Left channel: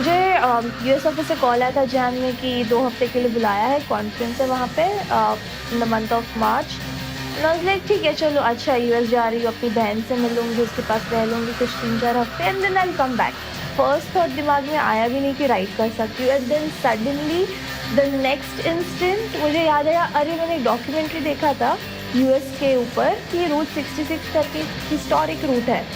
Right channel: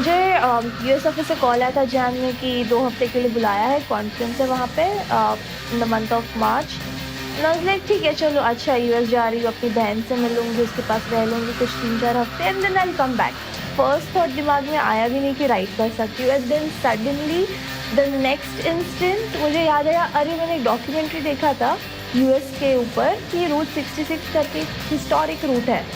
मुझे US office से call आया था जैन में कि 2 हफ्ते के लिए बुलाया है, कॉन्फ्रेंस है वहाँ पे in the month of March. And I was like ठीक है चलो, अच्छा यूएस जा रही हूँ, अपनी बहन से मिलूंगी, उसके पास रह लूंगी कुछ 3-4 हफ्ते and then I will come back. First thought दिमाग में आया भी नहीं कि राइड कर सकती हूँ, and then suddenly the next instant मुझे याद आया, अरे मैंने एक डॉक्यूमेंट्री देखा था यूएस के ऊपर कि रूट 66 करके हिस्टोरिक रूट है।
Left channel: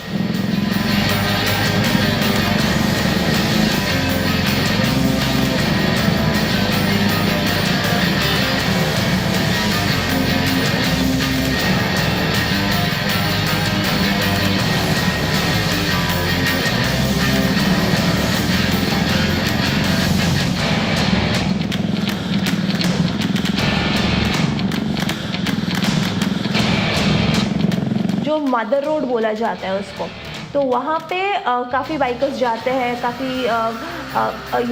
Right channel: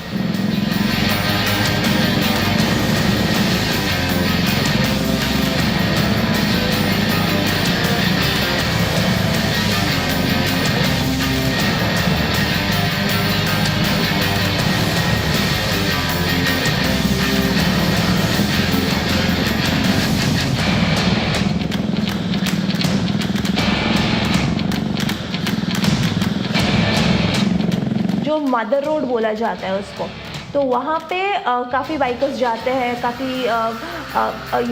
जो मदर रोड बोला जाता है उसको, तो वहाँ पे काफ़ी बाइकर्स जाते हैं, काफ़ी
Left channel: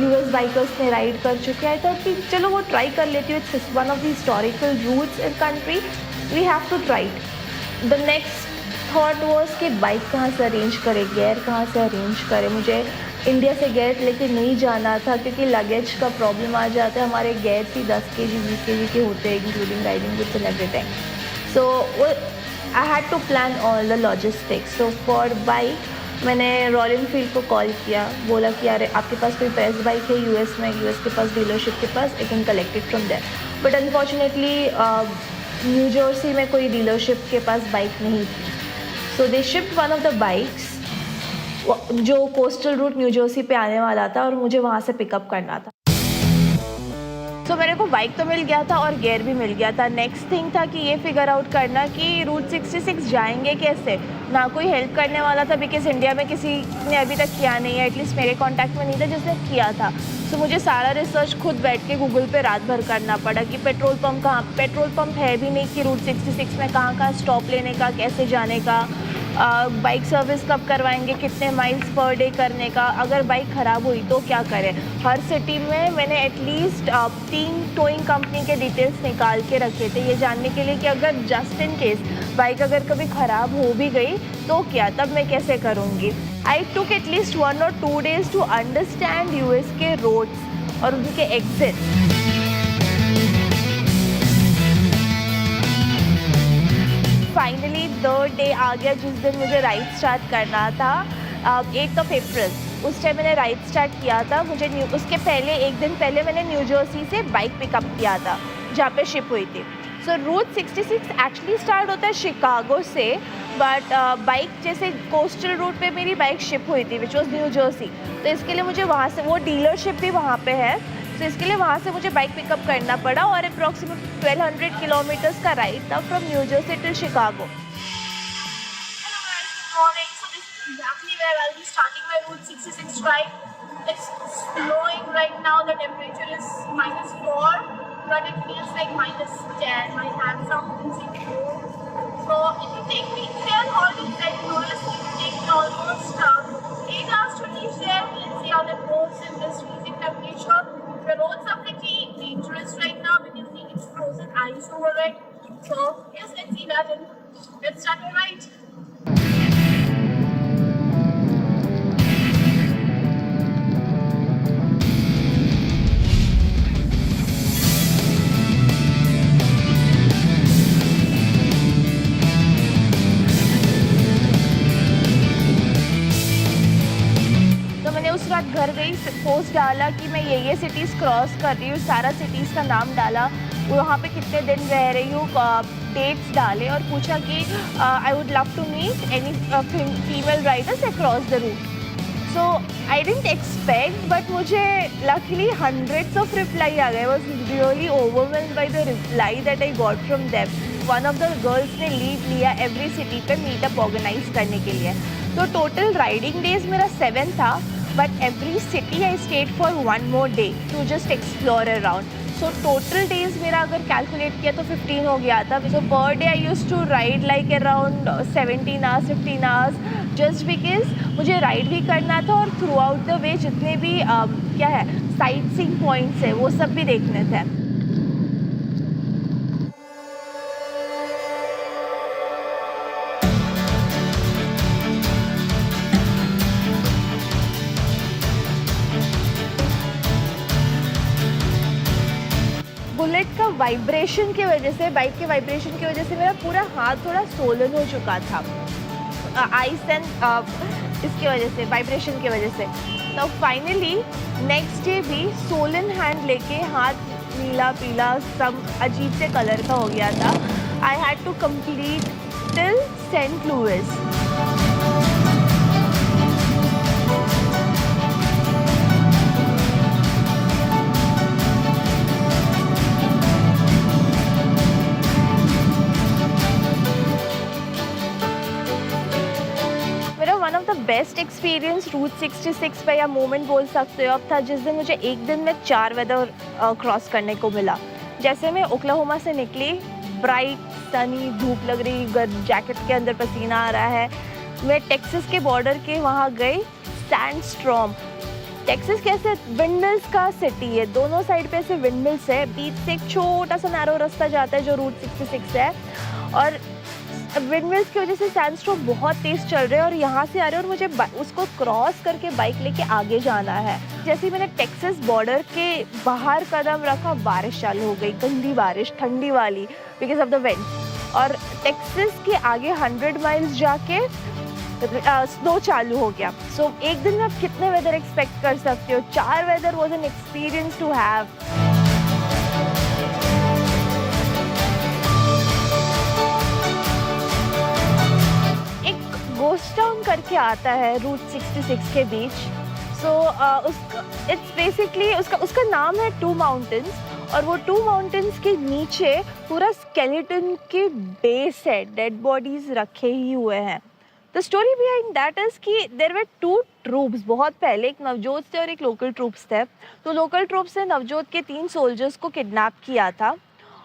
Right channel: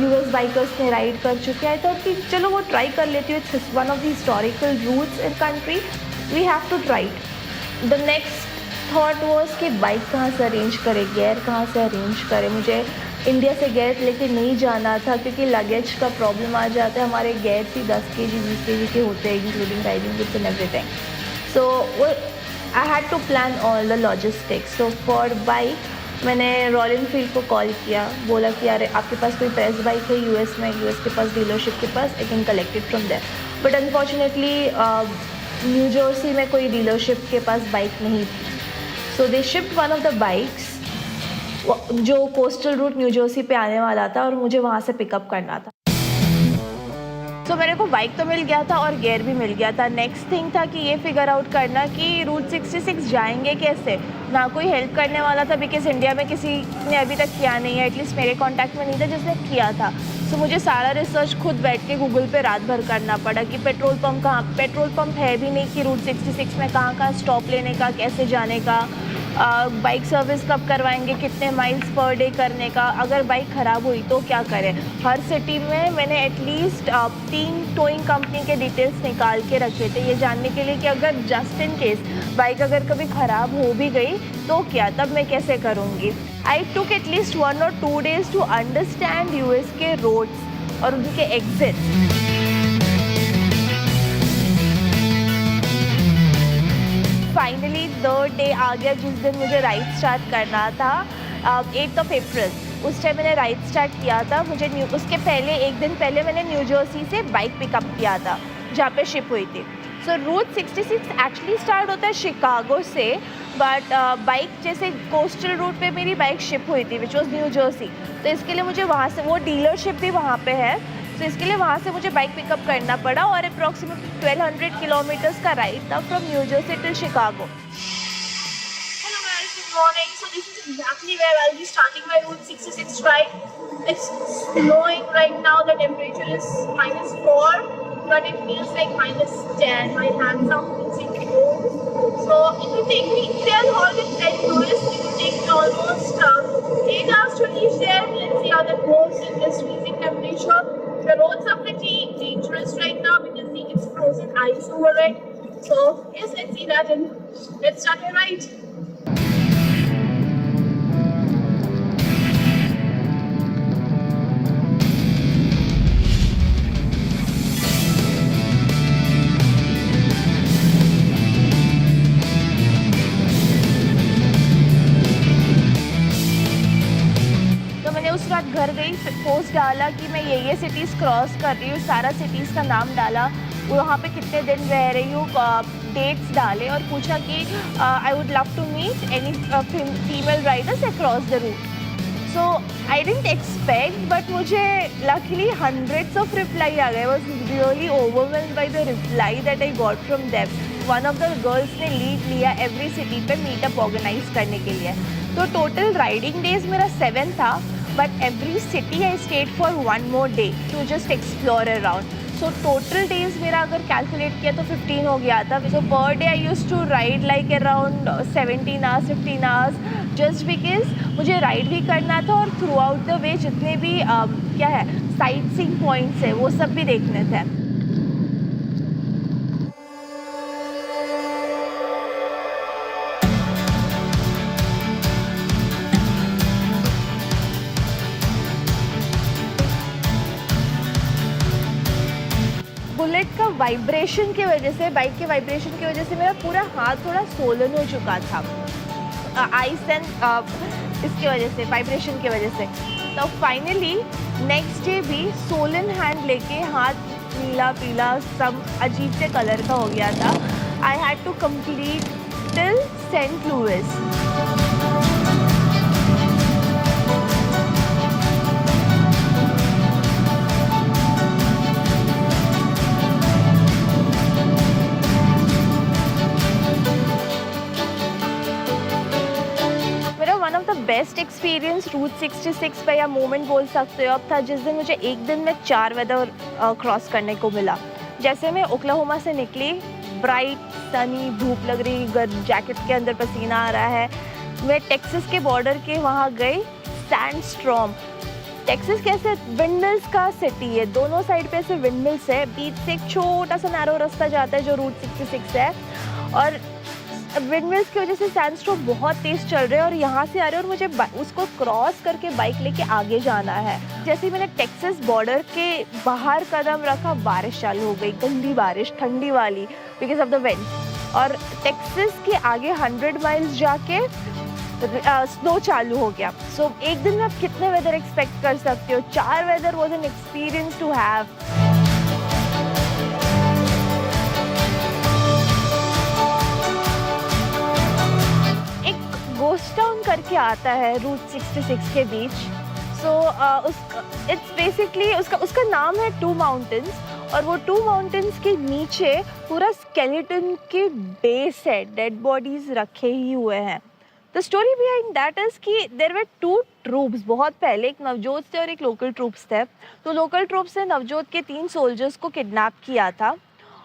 यूएस बाइकर्स ने राइड कर चुके हैं। आई थॉट कि चलो वो ट्राई कर लेती हूँ, it's one of the historical routes in country, we have to try it. The next thought was कि बाइक कहाँ से अरेंज करें, गेयर कहाँ से अरेंज करें। मुझे इंडिया से गेयर लेके नहीं जाना था क्योंकि लगेज का प्रॉब्लम आ जाता है, हमारे गेयर ही 10 kg 20 kg के होते हैं including riding books and everything. So I had to plan all the logistics. So for bike मैंने रॉयल एनफील्ड को कॉल किया, बोला कि यार आपके पास कोई प्रेस बाइक है यूएस में, यूएस के पास डीलरशिप के पास, I can collect it from there. But unfortunately New Jersey में कोई डीलरशिप के पास बाइक नहीं थी। So they shift one of the bikes जो कोस्टल रूट न्यू जर्सी पे आने वाला था और मुझे वहाँ से पिकअप करना था। तो मेरे को बाइक तो मिल गया था और गियर भी मिल गया था। नेक्स्ट थिंग था कि ये फिगर आउट करना कि रूट 66 जाएंगे कैसे। ना कोई हेल्प करने वाला था बिकॉज इंडिया में किसी ने अभी तक किया नहीं है, एटलीस्ट मेरे कांटेक्ट में नहीं था जिसने किया था। सो मुझे सारा रिसर्च खुद बैठ के गूगल पे रात भर करना पड़ा कि पेट्रोल पंप है भी नहीं कि रूट 66 में कहाँ स्टॉप लेने का, कैसे जाने का, बाइक सर्विस कब करवाएंगे, कितने माइल्स पर डे करने का, अगर बाइक ख़राब हुई तो क्या करें। हर सिटी में मैंने एटलीस्ट 3 टोइंग कंपनी के डिटेल्स निकाल के रखे थे ये जानने के लिए कि अगर जस्ट इन केस बाइक अगर कभी ख़राब हो भी गई तो क्या, तब मैं कैसे करूँगी। I took at least 1 or 2 days to understand US के रोड्स और उनके एग्जिट्स। फाइनली द डे आ गया जिस दिन मुझे राइड स्टार्ट करना था, 8th of April। उस टाइम मैंने राइड स्टार्ट किया था। मुझे उसके पहले एक दिन पहले मैंने न्यू जर्सी से बाइक पिकअप किया था जहाँ पे शिप हुई थी। सो रूट 66 एक्चुअली स्टार्ट होता है शिकागो से, बट बाइक जैसे कोस्टल रूट पे मेरी बाइक शिप हुई थी विच वॉज न्यू जर्सी। तो इसके लिए मुझे वहाँ से, वो डीलरशिप भी वहाँ पे है, तो इसके लिए वहाँ से मुझे बाइक पिकअप करना पड़ा और अप्रॉक्सीमेट 1200 किलोमीटर्स का राइड था from new Jersey till Chicago. Hello guys, good morning. So this is exactly where I'll be starting my Route 66 ride. It's snowing right now. The temperature is -4, but it feels like -10. My hands are freezing cold. So it will take me, they are all in St. Louis. It will take me almost 8 hours to reach there. Let's see how that goes in this freezing temperature. The roads are pretty dangerous right now because it's frozen ice over it. So yes, let's see that and let's start our ride. तो मैंने उस रात घर गई, post डाला कि मैं ये सिटीज़ क्रॉस कर रही हूँ, सारा सिटीज़ का नाम डाला, वहाँ पे कितने दिन रह रही हूँ, डेट्स डाले और पूछा कि I would love to meet any female riders across the route. So I didn't expect, but मुझे लकीली hundreds of रिप्लाई आ गए। Was really overwhelmed by the reply that I got from them. One of the girls ने lead लिया every city पे meetup organise करने के लिए। तो टोटल राइडिंग डेज मेरा 7 था, but every city I stayed for 1 more day to just explore around. So total days मेरा अगर कैलकुलेट किया तो 15 हो गया था। So per day I used to ride like around 17 hours 15 hours, just because मुझे राइड भी करना था और थ्रू आउट द वे जितने भी क्या है साइट सीइंग पॉइंट्स है वो सब भी देखने थे। उसका वाइब्रेशन की वजह से, बाइक के वाइब्रेशन की वजह से मेरा पूरा हाथ थोड़ा सोलन हो चुका था, आइस एंड इसकी वजह से, वाइब्रेशन की वजह से। तो फाइनली नेक्स्ट डे भी सोलन हैंड लेके, हाथ नीला पीला सब अजीब से कलर का हो गया था। I had to complete till Saint Louis. मेरा one of the best experience route 66 पे या मोमेंट बोल सकते हो अब था, जिस दिन मुझे एक दिन में 4 वेदर क्रॉस करने को मिला। जैसे मैं ओक्लाहोमा से निकली, ब्राइट सनी धूप लग रही, जैकेट के अंदर पसीना आ रहा है। मैं टेक्सास के बॉर्डर के वहाँ गई, सैंडस्टॉर्म। टेक्सास कैसे विंडमिल्स का सिटी है, दोनों साइड पे ऐसे विंडमिल्स है, बीच से एक छोटा सा नैरो रास्ता जाता है जो रूट 66 है, और विंडमिल्स की वजह से सैंडस्टॉर्म बहुत तेज़ चल रहे हैं और यहाँ से आ रहे हैं और मुझे उसको क्रॉस करके बाइक लेके आगे जाना है। जैसे ही मैंने टेक्सास बॉर्डर के बाहर कदम रखा, बारिश चालू हो गई, गंदी बारिश, ठंडी वाली, बिकॉज ऑफ द विंड्स। और टेक्सास के आगे 100 माइल्स जाके स्नो चालू हो गया। सो एक दिन में आप कितने वेदर एक्सपेक्ट कर सकते हो? 4 weather was an experience to have. एक गोस्ट टाउन करके आता है रूट 66 के बीच। उसका इट्स बेसिकली उसका नाम है 2 माउंटेन्स, और वो 2 माउंटेन्स के नीचे पूरा स्केलेटन के बेस है, डेड बॉडीज रखे ही हुए हैं। The story behind that is कि देयर वर 2 ट्रूप्स बहुत पहले, एक नवजोत थे और एक लोकल ट्रूप्स थे। तो लोकल ट्रूप्स ने नवजोत के 3 सोल्जर्स को किडनैप किया था,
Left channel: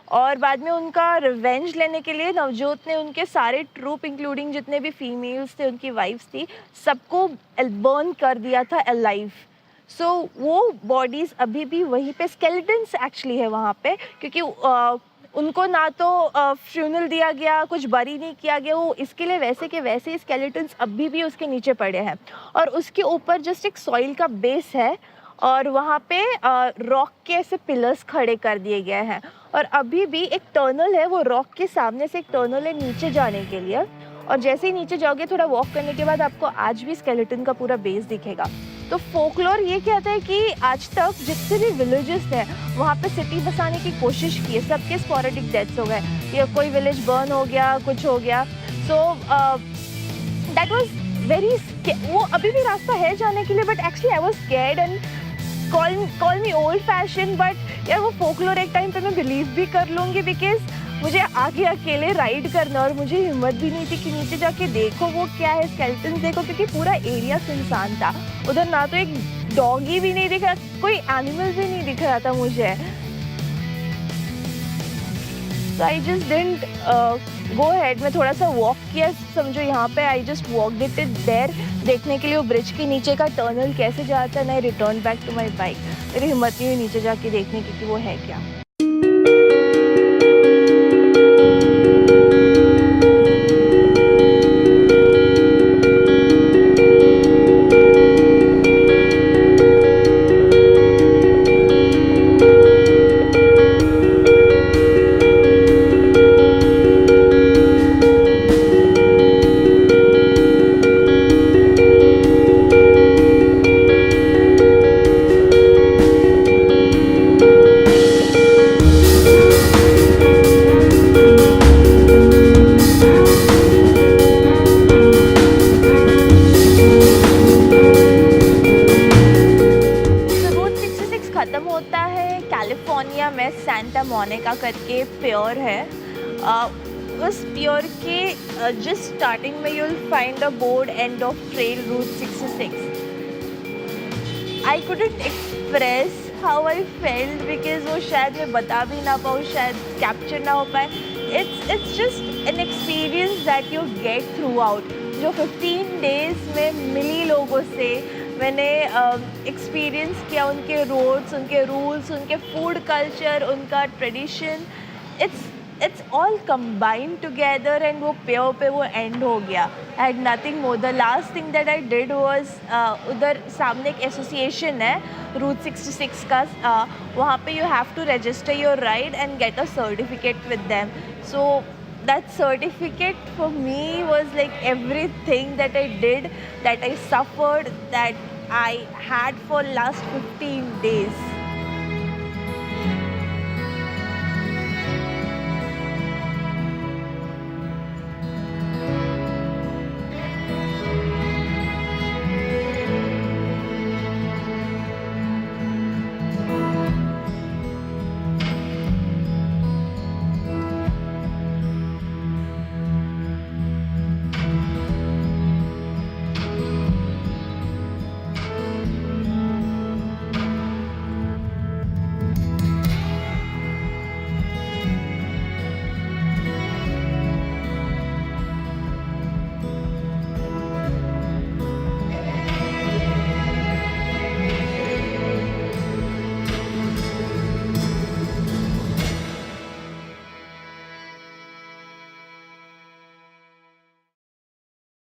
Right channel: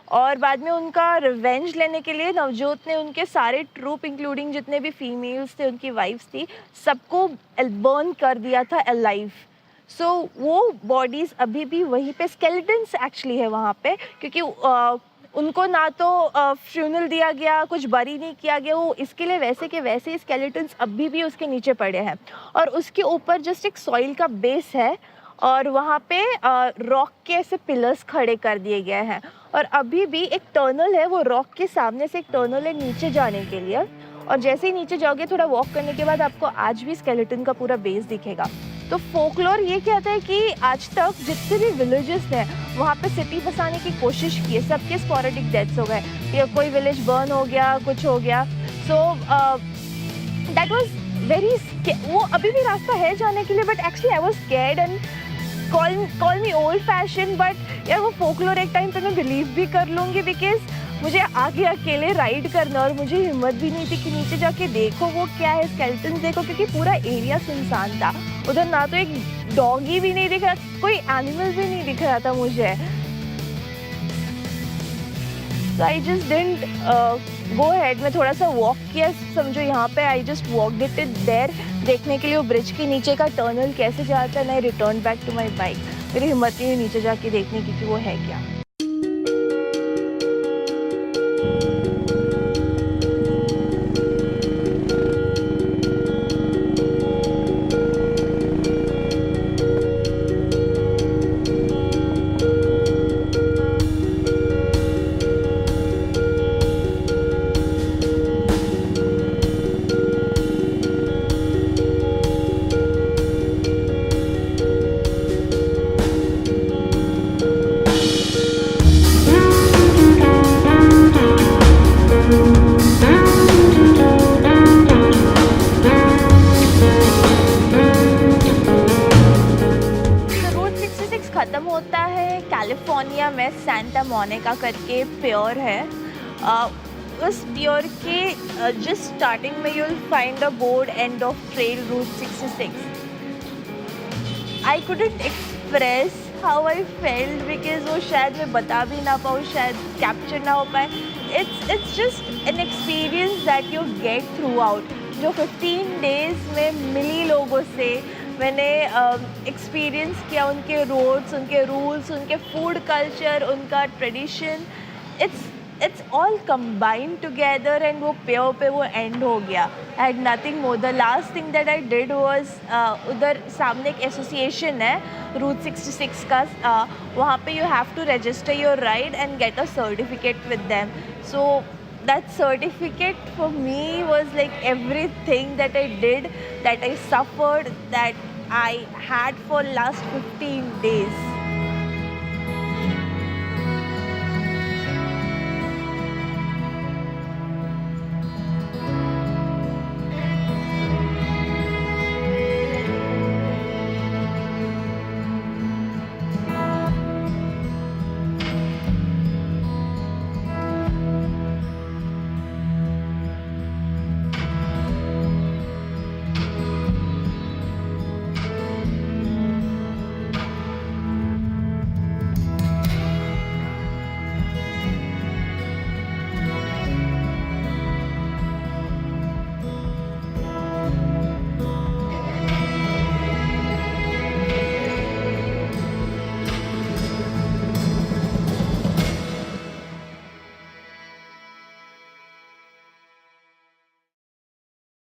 और बाद में उनका रिवेंज लेने के लिए नवजोत ने उनके सारे ट्रूप इंक्लूडिंग जितने भी फीमेल्स थे, उनकी वाइफ्स थी, सबको बर्न कर दिया था अलाइव। सो वो बॉडीज़ अभी भी वहीं पे, स्केलेटन्स एक्चुअली है वहाँ पे, क्योंकि उनको ना तो फ्यूनल दिया गया, कुछ बरी नहीं किया गया, वो इसके लिए वैसे के वैसे स्केलेटन्स अभी भी उसके नीचे पड़े हैं। और उसके ऊपर जस्ट एक सॉइल का बेस है, और वहाँ पे रॉक के ऐसे पिलर्स खड़े कर दिए गए हैं, और अभी भी एक टर्नल है, वो रॉक के सामने से एक टर्नल है नीचे जाने के लिए, और जैसे ही नीचे जाओगे थोड़ा वॉक करने के बाद आपको आज भी स्केलेटन का पूरा बेस दिखेगा। तो फोकलोर ये कहता है कि आज तक जितने भी विलेजेस थे वहाँ पे सिटी बसाने की कोशिश की है, सबके स्पोरेडिक डेथ्स हो गए, या कोई विलेज बर्न हो गया, कुछ हो गया। सो दैट वाज वेरी, वो अभी भी रास्ता है जाने के लिए, but actually I was scared and call me old fashion, but यार वो फोकलोर एक टाइम पे मैं बिलीव भी कर लूँगी, बिकॉज मुझे आगे अकेले राइड करना, और मुझे हिम्मत भी नहीं थी कि नीचे जाके देखो वो क्या है, स्केलेटन्स देखो, क्योंकि पूरा एरिया सुनसान था। उधर ना तो एक डॉगी भी नहीं दिख रहा, कोई एनिमल भी नहीं दिख रहा था मुझे। So I just didn't go head. मैं थोड़ा सा वॉक किया, समझो यहाँ पे, I just walked it there, देखने के लिए वो ब्रिज के नीचे का टनल कैसे जाता है। I return back to my bike. मेरी हिम्मत नहीं हुई नीचे जाके देखने की कि वो है क्या। ख़त्म होता है कैलिफोर्निया में, सेंटा मोनिका करके प्योर है। उस प्योर के जस्ट स्टार्टिंग में you will find a board end of trail route 66। I couldn't express how I felt, because वो शायद मैं बता भी ना पाऊँ, शायद कैप्चर ना हो पाए। It's just an experience that you get through out, जो 15 डेज़ में मिली लोगों से मैंने एक्सपीरियंस किया, उनके रोड्स, उनके रूल्स, उनके फूड कल्चर, उनका tradition. It's it's all combined together and वो पेयर पे वो end हो गया. I had nothing more. The last thing that I did was उधर सामने एक association है Route 66 का, वहाँ पे you have to register your ride and get a certificate with them. So that certificate for me was like everything that I did, that I suffered, that I had for last 15 days.